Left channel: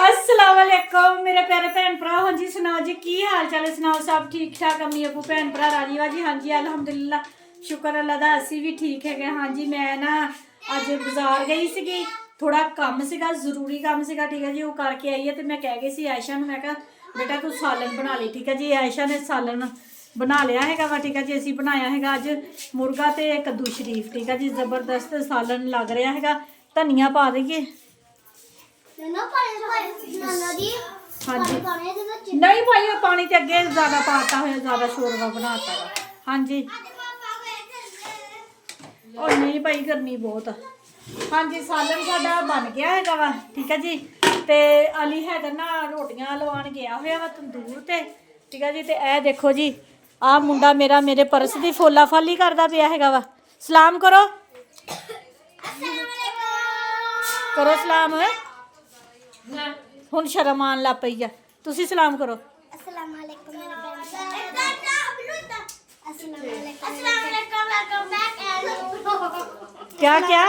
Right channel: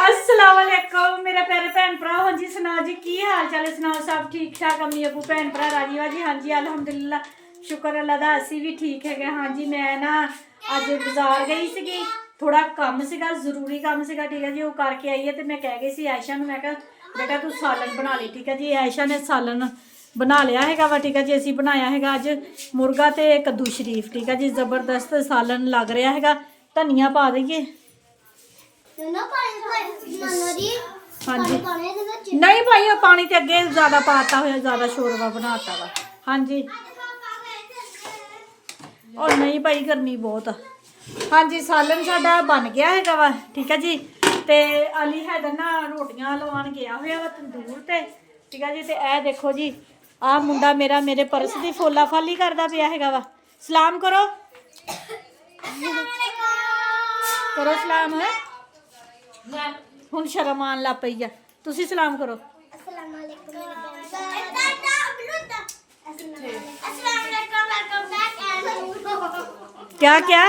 अस्सलाम वालेकुम मेरे प्यारे भैन भरा। हाँ जी सुनाओ जी की हाल चाल है? सुनाओ सब ठीक ठाक? अम्मी अबू भैन भरा राजी वाजी? हाँ जी अलहमदुलिल्लाह शुक्र अल्लाह दा असी भी ठीक है। हाँ जी मैं ना अज बाजार गई सी, थोड़ा काम सीगा, जरूरी काम सीगा, ठीक है जी। वो करके आई है तो मैं कह गई सी आयशा नूं, मैं कहा बेटा तू सालन बना ली, ठीक है जी। आयशा ने सालन बना लिया है वा, ठीक है जी। असी बनाया है अज मुर्गा तो कद्दू शरीफ, ठीक है जी। जबरदस्त सालन लग रहा है। धनिया पा दईए। हाँ जी नहीं भाई पानी तो अगे ज्यादा पाता हुआ, ज्यादा शोरवा बनाता वा। हाँ जी और नहीं भाई गर्मी बहुत। हाँ जी सालन साडा बन गया है वा, ठीक है जी। ते अली हैदर ना रोटियां लवान गया हुआ वा तंदूर ते, ठीक है जी। ते ए देखो जी आ मुंडा मेरा मेरे पर्स की फोला फाली करता पिया है वा। सलाम करो करो सलाम। हुण शर्म आन लग पई है, तुसी सलाम करो। क्या क्या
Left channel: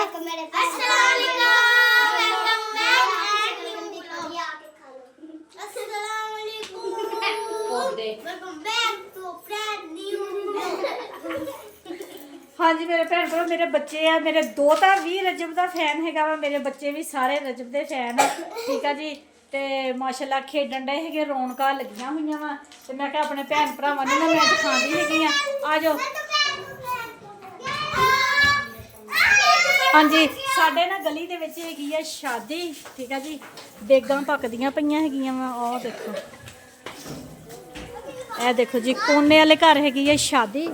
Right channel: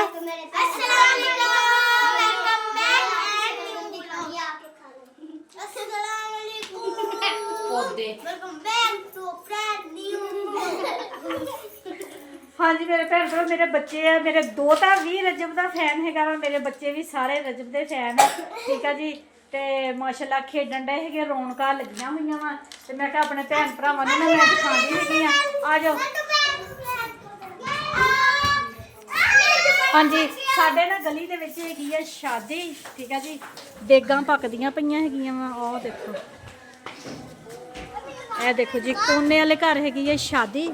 हाँ जी मेरे भैन भरा, मेरे बच्चे है, मेरे दोता भी रजब का फैन है वा, मेरे बच्चे भी सारे रजब के फैन है, ठीक है जी। तो माशाल्लाह खेडन डे है, रौनक लगियां हुई वा। तो मैं क्या अपने भैन भरावां नूं ना मैं दिखांदी हैगी आ जाओ। हाँ जी साडे ना गली दे विच हैगी है शादी, ठीक है जी। देगां पकदियां पईयां हैगियां वा। आ देखो ए देखो जी कोने वाले घर हैगी है शादी,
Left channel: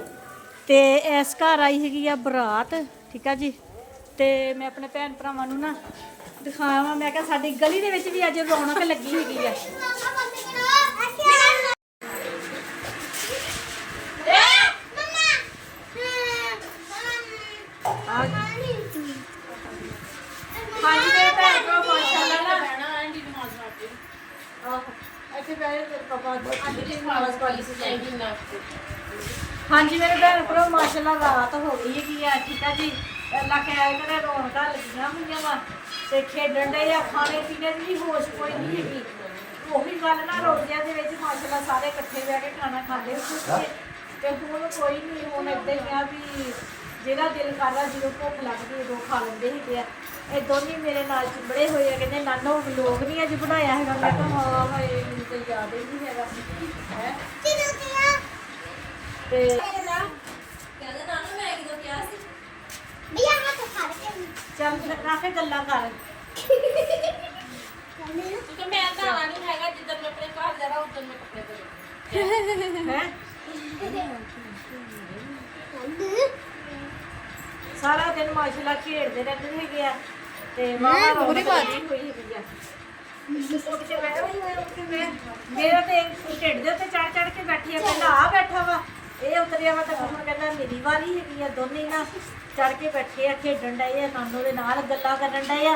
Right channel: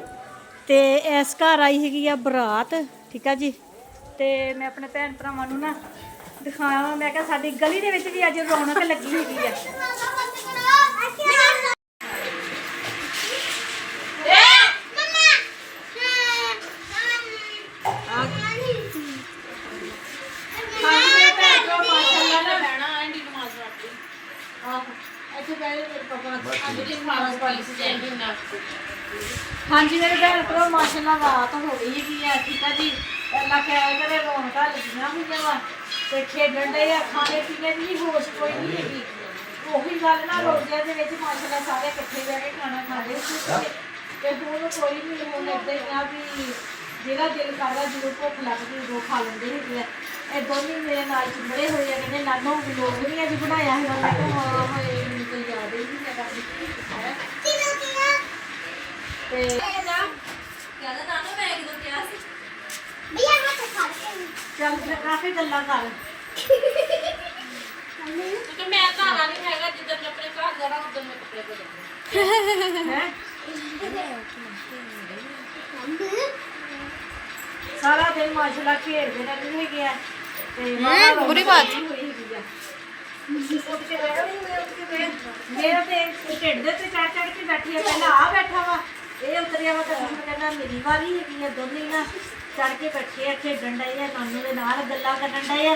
तो इस घर आई हैगी है बरात, ठीक है जी। तो मैं अपने भैन भरावां नूं ना दिखाया, मैं क्या साडी गली दे विच भी अज रौनक लगी हैगी है। हाँ जी मेरे भैन भरा माशाल्लाह रात हो गई है, ठीक है जी। अल्लाह खैर करे रौनक लगियां हुई वा, ते खेडन डे आ, खाने पीने की भी होश कोई नहीं हैगी। ਉਹੀ ਗੱਲ ना रोजिया ਦੇ ਵਿੱਚ माशाल्लाह सारे इकट्ठे बह के खाना खाते ते हुण कोई नहीं, हुण इदां ही आ भी जिहदा दिल करदा जो भुख लगदी उदों खा लेंदे हैगे आ। ਇਹ ਦੋਨੇ ਮੇਰੇ ਨਾਲ ਚੁੰਬੜੇ ਹੋਏ ਆ, ਕਹਿੰਦੇ ਨਾਨੋ ਵਲੋਗ ਨਹੀਂ ਅੱਜ ਬਣਾਇਆ ਹੈਗਾ। ਮੈਂ ਕਿਹਾ ਹਾਂ ਹਾਏ ਮੈਨੂੰ ਤਾਂ ਯਾਦ ਹੀ ਨਹੀਂ ਹੈਗਾ ਹੈ ਤੇ ਕਹਿੰਦਾ ਨਾਨੋ ਮੈਂ ਕਿਦੋਂ ਕਿਹਾ ਸੀ ਭਈਆ ਮੈਂ ਤਾਂ ਖਾ ਕੇ ਚੱਲ ਰਾਫੇ ਗੱਲਾਂ ਕਰ ਕਿਉਂਕਿ ਮੈਂ ਘਰ ਨਹੀਂ ਹੈਗਾ, ਜਿੱਦਾਂ ਮੈਂ ਆਪਣੇ ਘਰ ਜਾਣਾ ਉਦੋਂ ਮੈਂ ਕੱਪੜੇ ਪਾ ਹੈ सारा दिन माशाल्लाह खेलते रहते हैगे आ ते बुरी बात होई हैगी आ। मेरे ते ढिड दे ते चढ़ चढ़ के बैठी है, कहना आ बैठा वा ये उतरिया वा, तो हम कहना मेरी वारी हैगी आ। दोने ना चढ़ के बैठे आ, खेडन डे आ, नानू दे नाल गल्लां करन डे आ।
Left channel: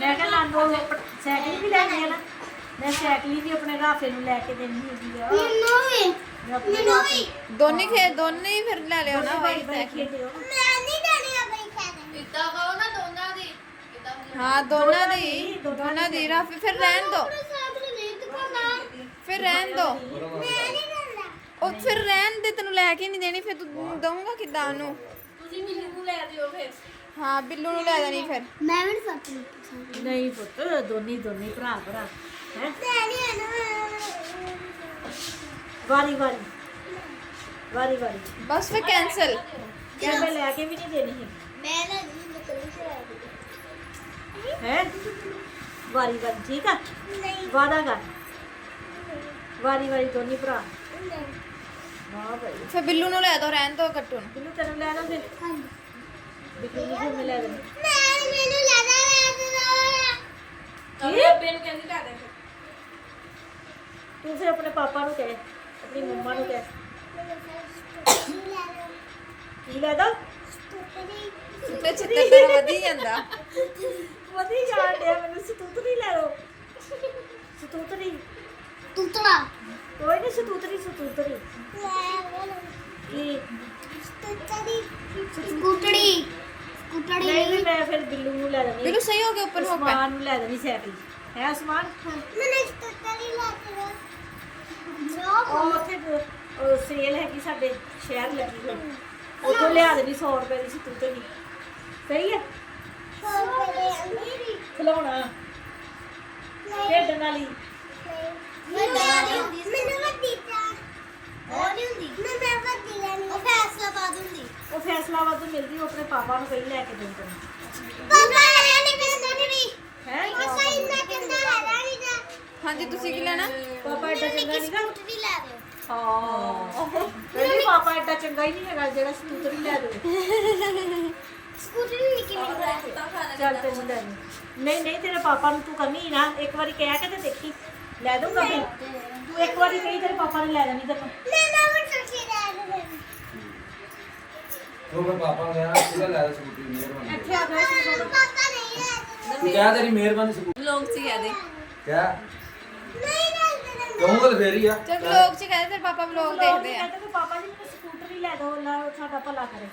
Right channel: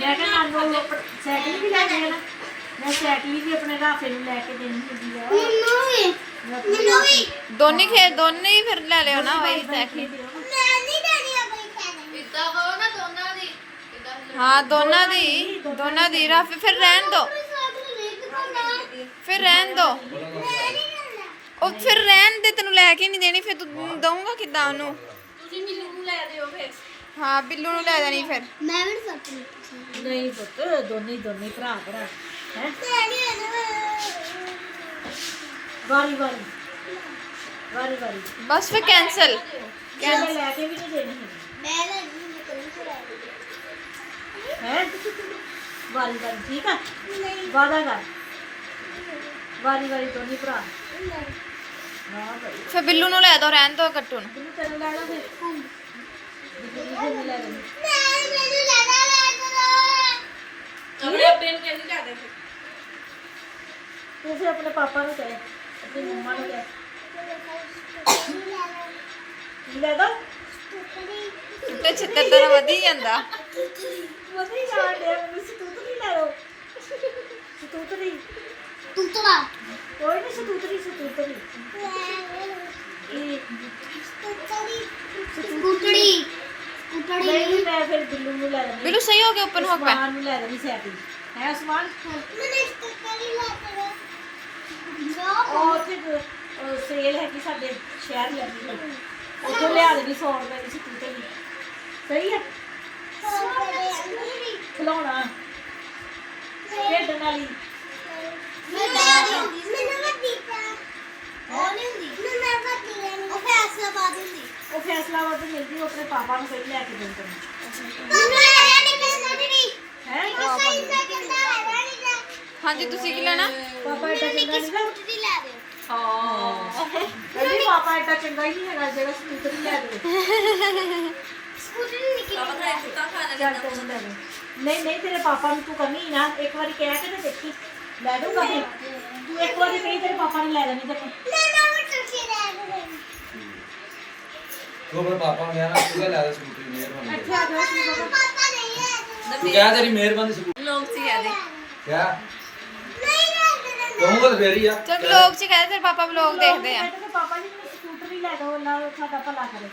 मैं कहा नानू साइकिल भी लैनी है ना, मैं साइकिल भी अपने राफे नूं लैके देनी हैगी आ। दोने फिर ले लियो ना वही साइकिल। हाँ दोनों दी राफे फिर रहन दो, फिर रहन दो। ओ फिर रहन दे, तेनू लैके नहीं देनी, फिर तू दूंगा किदां ओनू? हाँ बिल्लू नू ले देनी फिर। नहीं पुत दोनी भरा भरा है वारी वारी वारी वारी बस फिर कैंसिल लैके भी नहीं देनी है वारी वारी, ठीक है वादा कर वारी वारी दोनी भरा। हाँ भाई फिर बिल्लू नू ले दो, रहन दो कट्टू नू। बिल्लू तेनू ले दो फिर बिल्लू नू फिर ले देनी। तू फिर अपने पापा नू कहे, अपनी मम्मा नू कहे की ले दो ते छित्तर तेरा वधी ਜਾਂਦਾ वधी जान दे। मैनू सतूतरी ले दो, सतूतरी तूतरा कोई नहीं सतूतरी सतूतरी स्कूटरी ਨਹੀਂ ਵੀ ਮੈਂ ਫਿਰ ਬਿੱਲੂ ਨੂੰ ਲੈ ਦੇਣੀ ਬਿੱਲੂ ਸਹੀ ਹੋ ਗਿਆ ਓਪਨ ਹੋ ਗਿਆ ਉਸਮਾਨ ਨੂੰ ਲੈ ਦੇਣੀ ਸਾਈਕਲ ਹੈ ਉਸਮਾਨ ਉਹ ਉੱਥੇ ਸੇਲ ਹੈਗੀ ਸਾਡੇ ਸ਼ਹਿਰ ਲੱਗੀ ਹੋਈ ਉੱਥੋਂ ਲਿਆ ਦੇਣੀ 100 ਰੁਪਏ ਦੀ ਸਕੂਟਰ ਵੀ ਸਹੀ ਹੈ ਖਿਲਾਉਣਾ ਖੇਡਣ ਵਾਲੀ ਉਹ ਫੈਸਲਾ ਵਾ ਤੇ ਮਿਲਦੀ ਉਹ ਆਪਣੇ ਪਾਪਾ ਨੂੰ ਕਹੀ ਲੈ ਕੇ ਦਿੰਦੇ ਹੈ ਹਾਂਜੀ ਤੁਸੀਂ ਕੀ ਲੈਣਾ ਪਾਪਾ ਏਡਾ ਚੰਗਾ ਨਹੀਂ ਨਾ ਹਾਂ ਕਹਿੰਦੀ ਪਾਪਾ ਏਡਾ ਚੰਗਾ ਹੀ ਨਹੀਂ ਹੈਗਾ ਜਿਹੜਾ ਸਕੂਟਰ ਹੀ ਲੈ ਦੇ ਚੱਲ ਤੈਨੂੰ ਲੈ ਦੇ ਨਹੀਂ ਤੇਰੇ ਪਾਪਾ ਨੂੰ ਤੂੰ ਕਮੀ ਨਾ ਇੱਕ ਵਾਰੀ ਕਹਿ ਕੇ ਤੇ ਦੇਖੀ ਲੈ ਦੂੰਗਾ ਫਿਰ ਤੂੰ ਇੱਕ ਵਾਰੀ ਕਹੀ ਤੇਰੇ ਪਾਪਾ ਨੇ ਲੈ ਦੇਣੀ ਤੈਨੂੰ ਉਹ ਮੇਰੇ ਪਾਪਾ ਨੂੰ ਕਹਿਣਾ ਤੂੰ ਲੈ ਲੈ ਸਕੂਟਰੀ ਮਿਹਰਬਾਨੀ ਇੱਥੇ ਆ ਜਾਓ ਤੂੰ ਤੂੰ ਕਹਿ ਤੇਰੀ ਮਿਹਰਬਾਨੀ ਸਕੂਟਰੀ ਲੋਕ ਸੀ ਕਹਦੇ ਕਿਆ ਕਹੂੰਗਾ ਤਾਂ ਫੇਰ ਹੀ ਆ ਚਲ ਵਲੌਗ ਚ ਕਹਦੇ ਤੇਰੇ ਪਾਪਾ ਵਲੌਗ ਦੇਖਦੇ ਆ ਕਹਿੰਦੇ ਪਾਪਾ ਜੀ ਮੈਨੂੰ ਸਕੂਟਰ ਹੀ ਲੈ ਦਿਓ ਅੱਲਾ ਸਾਡਾ ਭਲਾ ਕਰੇ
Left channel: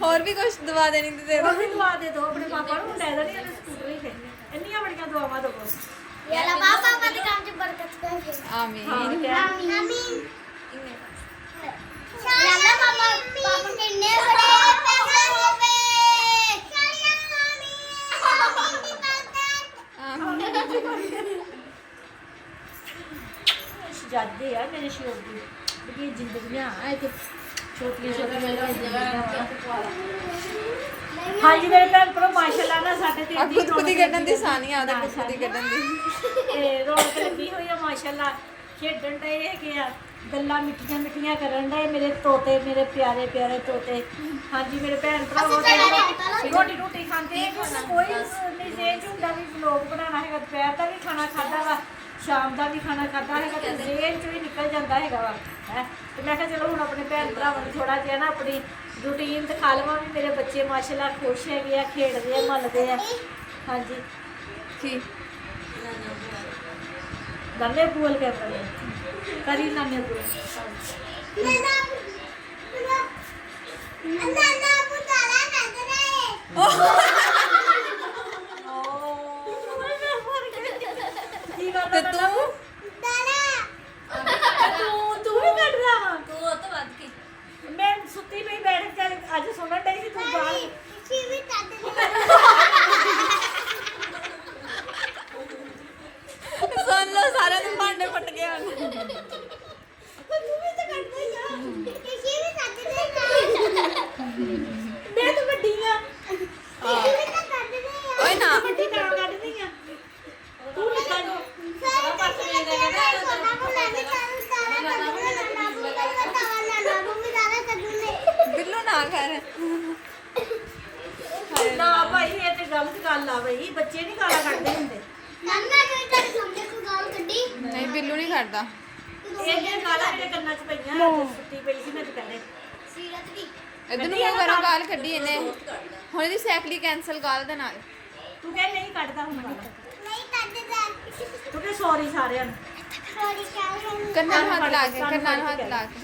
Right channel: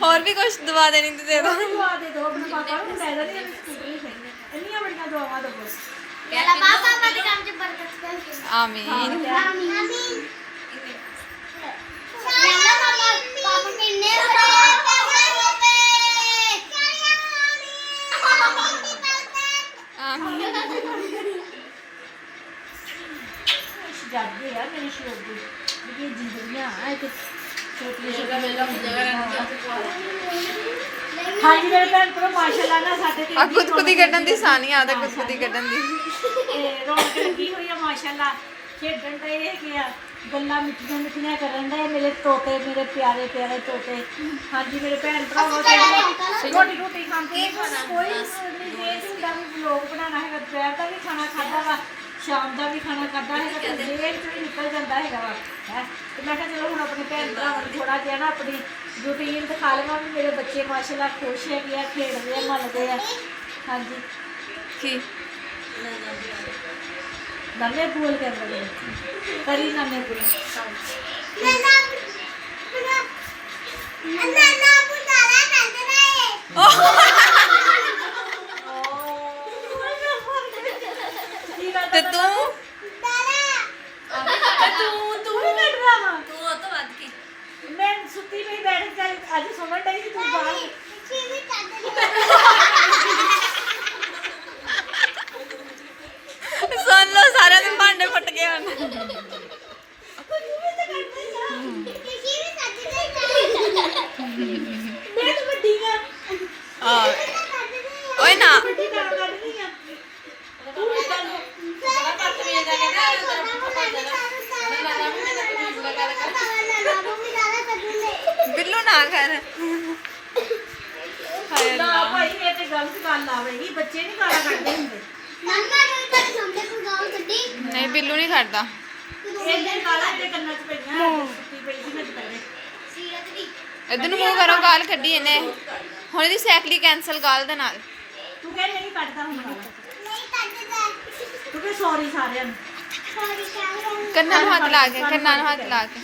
ਹੋਰ ਵੀ ਕੁਝ ਦਵਾ ਦੇਣੀ ਤੇ ਦੇ ਦੋ ਦੁਆ ਦੇ ਦੋ ਆਪਣੇ ਪਾਪਾ ਨੂੰ ਲੈ ਦੇਣੀ ਮੈਂ ਸਕੂਟਰ ਹੀ ਖੇਡਣਾ ਇੰਨੀਆਂ ਬੜੀਆਂ ਦੁਆਵਾਂ ਦੋ ਬਸ ਆਮੀਨ ਜਾਦੇ ਯਾਰ ਮੇਰੇ ਸ਼ੌਕ ਦੀ ਬੜੀ ਜ਼ਿੰਦਗੀਆਂ ਆ ਤੇ ਛੋਟੀਆਂ ਹਾਂਜੀ ਮੇਰੇ ਭੈਣ ਭਰਾ ਮਾਸ਼ਾਅੱਲਾ ਨਾ ਸਾਡੇ ਤੇ ਆ ਖੁਦ ਖੁਦ ਹੀ ਕੱਢਣ ਦੀ ਸਾਨੀਆਂ ਆਦਾ ਖੁਦ ਖੁਦ ਹੀ ਕੱਢਣ ਦੀ ਇਹ ਰੌਣਕ ਲੱਗੀ ਹੋਈ ਆ ਮਾਸ਼ਾਅੱਲਾ ਖੇਡਣ ਦੇ ਹੈਗੇ ਆ ਗੱਲਾਂ ਮਿੱਠੀਆਂ ਮਿੱਠੀਆਂ ਕਰਨ ਦੇ ਮੇਰੇ ਤੋਤੇ ਮੇਰੇ ਪਿਆਰੇ ਪਿਆਰੇ ਤੋਤੇ ਹਾਂਜੀ ਮੇਰੇ ਭੈਣ ਭਰਾ ਰੋਟੀ ਰੋਟੀ ਖਾਂਦੇ ਕੋਈ ਨਹੀਂ ਇਹ ਹੁੰਦਾ ਵੀ ਵਲੋਗ ਬਣਾਉਣਾ ਹੈਗਾ ਦੁਪਹਿਰ ਦਾ ਵੀ ਖਾਣਾ ਖਾਦਾ ਵਾ ਸ਼ਾਮ ਦਾ ਵੀ ਖਾਣਾ ਖਾਦਾ ਹੈਗਾ ਤੇ ਜੇਲ੍ਹ ਚ ਵੀ ਨਿਕਲ ਜਾਂਦਾ ਹੈਗਾ ਵਾ ਹੈ ਤੇ ਮੈਂ ਕਿਹਾ ਚਲੋ ਹੁਣ ਆਪਣੇ ਭੈਣ ਭਰਾਵਾਂ ਨੂੰ ਥੋੜਾ ਜਿਹਾ ਨਾ ਆਪਣੀ ਰੂਟੀਨ ਦਿਖਾ ਲਵਾਂ ਵੀ ਮੇਰੇ ਬੱਚੇ ਮਾਸ਼ਾਅੱਲਾ ਖੁਸ਼ ਹੈਗੇ ਆ ਖੇਡਦੇ ਆ ਮੱਲਦੇ ਆ ਹਾਂਜੀ ਕੀ ਦੰਨੇ ਬੋਲ ਕੇ ਬੜੇ ਕਰੀ ਨਾ ਮੇਰੇ ਤੇ ਤੂੰ ਤੂੰ ਵੀ ਕੱਢ ਰਹਾ ਵਾ ਮੈਂ ਸੁੱਤੀ ਪਈ ਬੈਠ ਕੇ ਅੱਜ ਸੁਣਨ ਡਈ ਸੀ ਤੂੰ ਬਾਹਰ ਸੁਣ ਲਓ ਸਾਰਿਆਂ ਦੇ ਭਾਂਡੇ ਫਟ ਗਏ ਹਨ ਮੈਂ ਤਾਂ ਵੱਡੀ ਆ ਓਏ ਨਾ ਵੱਡੀ ਤਾਂ ਕੱਢਦੀ ਆ ਤੂੰ ਵੀ ਕੱਢ ਬਿੱਲੂ ਨਾ ਕਰ ਹਾਏ ਨਾ ਅੱਲਾ ਭਾਈ ਇਹ ਤੇ ਗਲਤ ਗੱਲ ਆ ਬਈ ਬੱਚੇ ਨਹੀਂ ਗਾਲਾਂ ਕੱਢਦੇ ਹੁੰਦੇ ਨਹੀਂ ਬਿੱਲੂ ਨਹੀਂ ਕਰਦਾ ਇਹਦੇ ਗਾਲਾਂ ਦੇ ਕੰਨਾਂ 'ਚ ਪਈਆਂ ਸੁੱਤੀ ਪਈ ਸੀ ਮੈਂ ਦੁਪਹਿਰੇ ਇਧਰ ਨੂੰ ਮੂੰਹ ਕਰੋ ਗਾਲ ਕੱਢੀ ਇਹਨੇ ਹੁਣ ਇਹਦੀ ਸਾਈਕਲੀ ਕੈਨਸਲ ਗਾਲ ਦੇ ਨਾਲ ਤੂੰ ਕਹਿ ਨਹੀਂ ਕੱਢਦਾ ਹੁਣ ਤੂੰ ਕਹਿ ਸੌਰੀ ਸਾਰਿਆਂ ਨੂੰ ਕੰਨਾਂ ਨੂੰ ਹੱਥ ਲਾ ਕੇ ਕੰਨਾਂ ਨੂੰ ਹੱਥ ਲਾ ਕੇ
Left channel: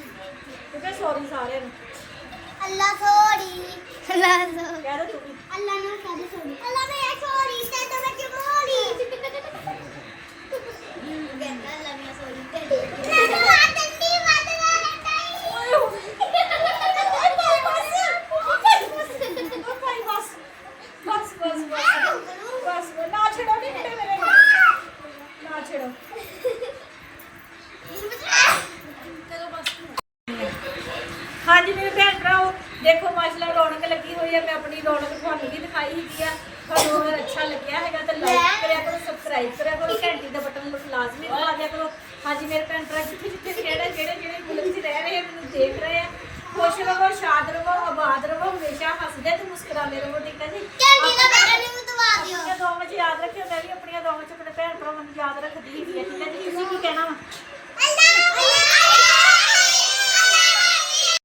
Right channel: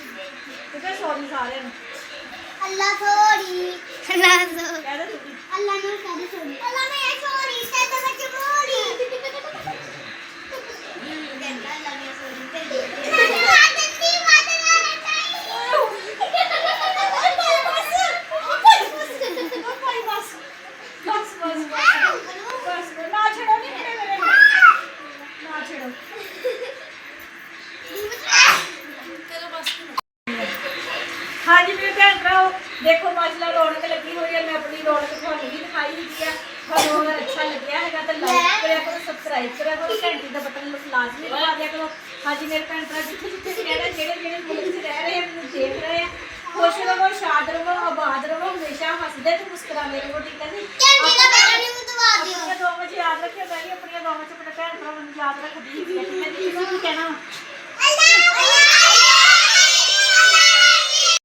ਤੂੰ ਕਹਿ ਸੌਰੀ ਸਾਰਿਆਂ ਨੂੰ ਅੱਲਾ ਸੋਰੀ ਅੱਲਾ ਸੋਰੀ ਕਹਿ ਦੇ ਤੂੰ ਵੀ ਅੱਲਾ ਨੂੰ ਕਦੇ ਸੋਰੀ ਅੱਲਾ ਮੈਂ ਸੋਰੀ ਤੇ ਤਾਂ ਮੈਂ ਚਮੋਲੀ ਕਹਿੰਦਾ ਅੱਲਾ ਨੇ ਸੋਰੀ ਤੇ ਮਾਦੰਦੀ ਮਾਦਵਾਨਾ ਬਸ ਨਾ ਛੇੜੋ ਨਹੀਂ ਮੇਰੇ ਨਾ ਛੇੜੋ ਹਾਂਜੀ ਮੇਰੇ ਭੈਣ ਭਰਾਓ ਦੇਖੋ ਮਾਸ਼ਾਅੱਲਾ ਰੌਣਕ ਲੱਗੀ ਹੋਈ ਹੈ ਮੈਂ ਆਪਣੀ ਰੌਣਕ ਤੁਹਾਨੂੰ ਵੀ ਦਿਖਾਈ ਦਿੱਤੀ ਹੈ ਤੁਹਾਨੂੰ ਅਗਰ ਅੱਛਾ ਲੱਗਿਆ ਹੈਗਾ ਤਾਂ ਲਾਈਕ ਕਰਿਆ ਕਰੋ ਸਬਸਕ੍ਰਾਈਬ ਕਰਿਆ ਕਰੋ ਘੰਟੀ ਦਾ ਬਟਨ ਲਾਜ਼ਮੀ ਦਬਾ ਦਿਆ ਕਰੋ ਹਾਂਜੀ ਮੇਰੇ ਭੈਣ ਭਰਾ ਜਿੱਥੇ ਜਿੱਥੇ ਵੀ ਰਹਿ ਰਹੇ ਜਿਹੜੇ ਮੁਲਕ 'ਚ ਰਹਿ ਰਹੇ ਆ ਮੈਨੂੰ ਦੇਖ ਰਹੇ ਆ ਖੁਸ਼ ਰਹੋ ਸ਼ਾਦ ਰਹੋ ਆਬਾਦ ਰਹੋ ਹਮੇਸ਼ਾ ਹੱਸਦੇ ਤੇ ਮੁਸਕਰਾਉਂਦੇ ਰਹੋ ਠੀਕ ਹੈ ਜੀ ਕਹਿੰਦੀ ਦਾ ਬੇਟਾ ਨੇ ਮੈਨੂੰ ਦਵਾ ਦਿਓ ਆਪਣੀਆਂ ਦੁਆਵਾਂ 'ਚ ਯਾਦ ਰੱਖਿਓ ਮੈਂ ਵੀ ਆਪਣੀਆਂ ਦੁਆਵਾਂ 'ਚ ਆਪਣੇ ਭੈਣ ਭਰਾਵਾਂ ਨੂੰ ਯਾਦ ਰੱਖਦੀ ਹਾਂ ਠੀਕ ਹੈ ਜੀ ਤੁਸੀਂ ਕੀ ਕਹਿਣਾ ਵਾ